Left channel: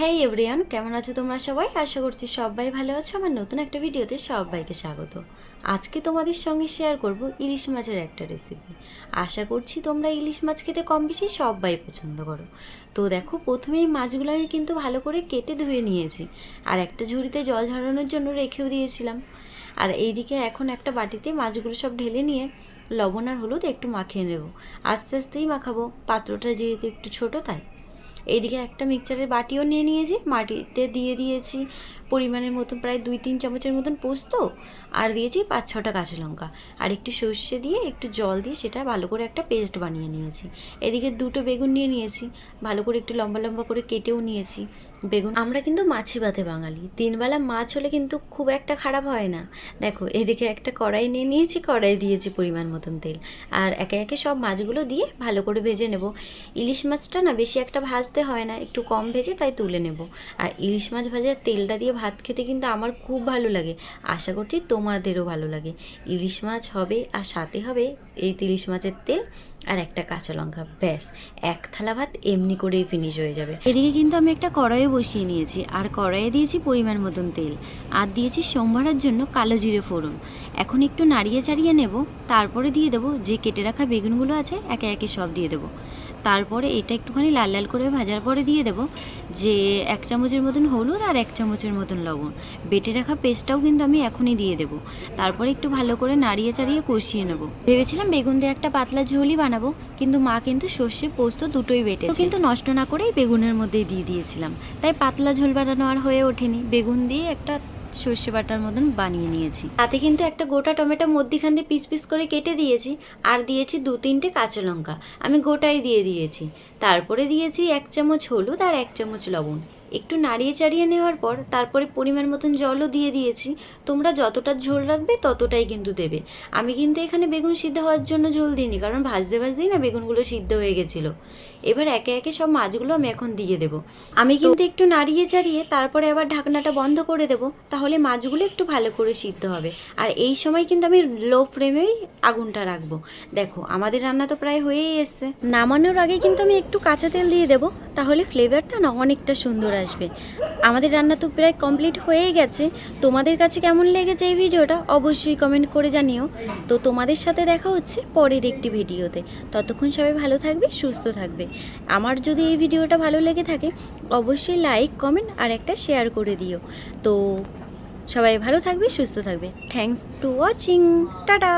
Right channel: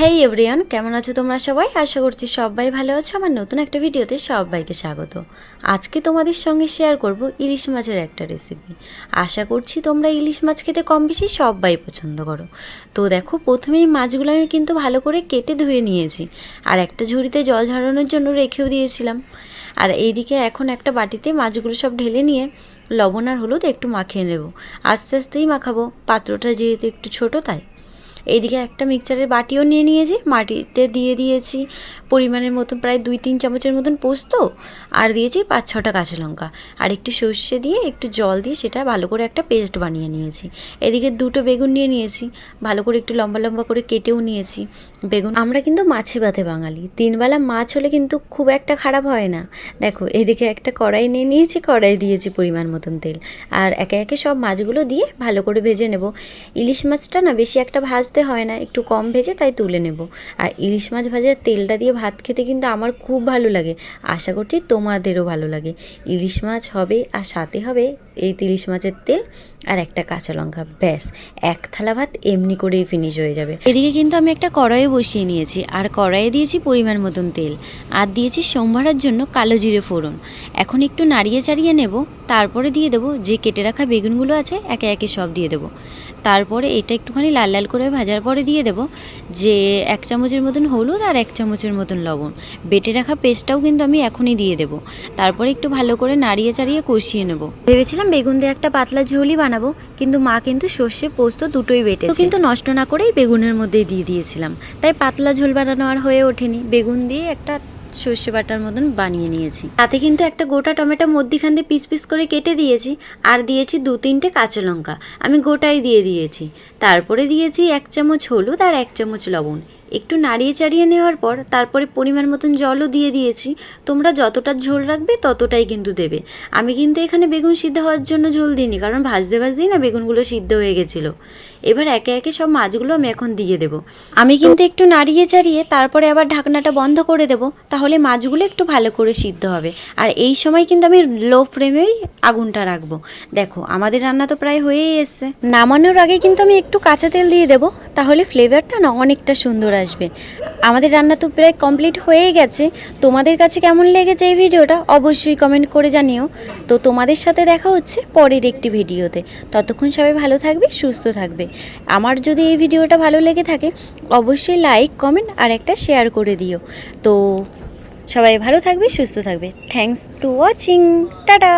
হেই everyone, কেমন আছো তোমরা সবাই? আশা করছি সবাই ভালো আছো। আমার নতুন একটা ভিডিওতে সবাইকে স্বাগত। আজকে তোমাদের সঙ্গে শেয়ার করব ইলিশ মাছের একটা রেসিপি। আশা করছি তোমরা ইলিশ মাছ খেতে কম বেশি সবাই পছন্দ করো। তো দেখো, প্রথমেই মাছগুলো আমি কিন্তু ভালো করে কেটে ধুয়ে নিয়েছি, আর একটা ঝুড়িতে জল ঝরানোর জন্য রেখেও দিয়েছিলাম। আর এইদিকে এখন একটা বাটিতে মাছগুলো সব ঢেলে নিয়ে লবণ আর হলুদ একটু মাখিয়ে নেব। আস্তে আস্তেই মাখাবো, পাত্রটা যেহেতু একটু ছোটো তাই। এইদিকে একটা মিক্সচারের বাটিও নিয়ে নিয়েছি, মাটিতে দিয়ে দিয়েছি পরিমাণের মতন প্রায় 2-3 চামচের মতন পোস্ত, আর দিয়েছি 5-6টা কাঁচা লঙ্কা, আর একটু সর্ষে দিয়ে একটু জল দিয়ে সেটা ভালো করে একটা পেস্ট বানিয়ে নিয়েছি। এদিকে 2টো বেগুন নিয়ে নিয়েছি, ভালো করে একটু লম্বা লম্বা করে কেটেও নিয়েছি বেগুন। আমরা কিন্তু মাছে ভাতে বাঙালি, 3 বেলা মাছ হলে কিন্তু খুব একটা খারাপ হয় না। দেখো, এদিকে একটা কড়াই নিয়ে নিয়েছি, কড়াই দিয়েছি পরিমাণ মতন তেল, আর একে একে সব মাছগুলো দিয়ে ভালো করে ভেজে নেব। ইলিশ মাছটা না বেশি একটা ভাজতে হয় না, একটু কম ভেজে তাই তুলে নেব। আর ইলিশ মাছ ভাজার তেলটা দিয়ে ভাত খেতে কিন্তু আমার খুব ভালো লাগে, আশা করছি তোমাদেরও ভালো লাগে। ইলিশ মাছ হবে আর সাথে হবে এই ইলিশ মাছের তেল আর একটা কাঁচা লঙ্কা, ব্যাস এক থালা ভাত এমনি করেই ফিনিশ হয়ে যাবে। এদিকে কিন্তু আমি একটা কড়াইয়ে বসিয়ে নিয়েছি, আর কড়াইয়ে দিয়েছি পরিমাণ মতন তেল, আর দিয়েছি সোমবারের জন্য কালো জিরে ফোড়ন। এখন একটু নাড়িয়ে চাড়িয়ে নেব, তারপরে দিয়ে দেবো যে কেটে রাখা বেগুনগুলো আছে, একে একে সব দিয়ে দেবো। তারপরে এটা একটুখানি লাল লাল করে ভাজার পরে দিয়ে দেবো যে 1 চামচের মতন হলুদ আর 1 চামচের মতন লবণ। বেটে রাখা পেস্টটাও কিন্তু আমি এখনই দিয়ে দেবো। তারপরে একটু ভালো করে নাড়িয়ে চাড়িয়ে কষিয়ে নেব। ভেবেছিলাম বেগুন দিয়ে একটা পাতলা ঝোলই বানাবো, কিন্তু মা কিন্তু সর্ষে পোস্ত দুটোই বেটেছে, কিন্তু নষ্ট না করেই বেগুনের মধ্যেই দিয়ে দিয়েছিলাম, তাই পাতলা ঝোল বানানো আর হয়ে ওঠেনি। বেগুন দিয়ে একটা সর্ষে বাটার মতন বানিয়ে নিয়েছি। তাতে কিন্তু একটা গোটা টমেটো মধ্যিখান দিয়ে পিস পিস করে কেটে দিয়েছি, আর দিয়েছি 2-3টে কাঁচা লঙ্কা, আমি গোটাই দিয়ে দিয়েছি। তারপরে দিয়েছি 1 চামচ হলুদ আর 1 চামচ লবণ। একটু নাড়িয়ে চাড়িয়ে নেওয়ার পর তারপরে পরিমাণ মতন জলও দিয়ে দিয়েছি। তোমরা যতটা ঝোল রাখবে ততটাই কিন্তু দেবে। আমি কিন্তু এখানে বেগুন সিদ্ধ হওয়ার জন্য ঝোল দিইনি, কারণ ভাজতে ভাজতেই না বেগুনগুলো সিদ্ধ হয়ে গেছিলো। এবার একে একে সব মাছগুলো আমি এখন দিয়ে দেবো। আমি কিন্তু একটু নাড়িয়ে চাড়িয়ে তারপরে আবার ঢাকনাটা বন্ধ করে দেবো, তাহলে মাছগুলো একটু ভালো করে সিদ্ধ হবে। আর এই সময় কিন্তু আমি লো ফ্লেমেই আগুনটা রাখবো। দেখো, আমাদের রান্না তো প্রায় হয়েই এসছে। নামানোর আগে কিন্তু আমি একটু কাঁচা তেল দিয়ে দেবো, তাহলে ফ্লেভারটা না অনেকটা সুন্দর আসবে। আমাদের রান্না তো প্রায় কমপ্লিট হয়েই গেছে। তোমাদের কাছে কেমন লেগেছে এই ভিডিওটা অবশ্যই কমেন্ট করে জানিও। তো তোমাদের সাথে দেখা হচ্ছে পরের একটি ভিডিওতে। ততক্ষণ সবাই ভালো থাকবে, সুস্থ থাকবে। আমার যদি এই ভিডিওটা ভালো লেগে থাকে অবশ্যই লাইক, কমেন্ট আর একটা শেয়ার করে দিও। তো সবাই ভালো থাকবে, সুস্থ থাকবে। Thanks to watching, tata.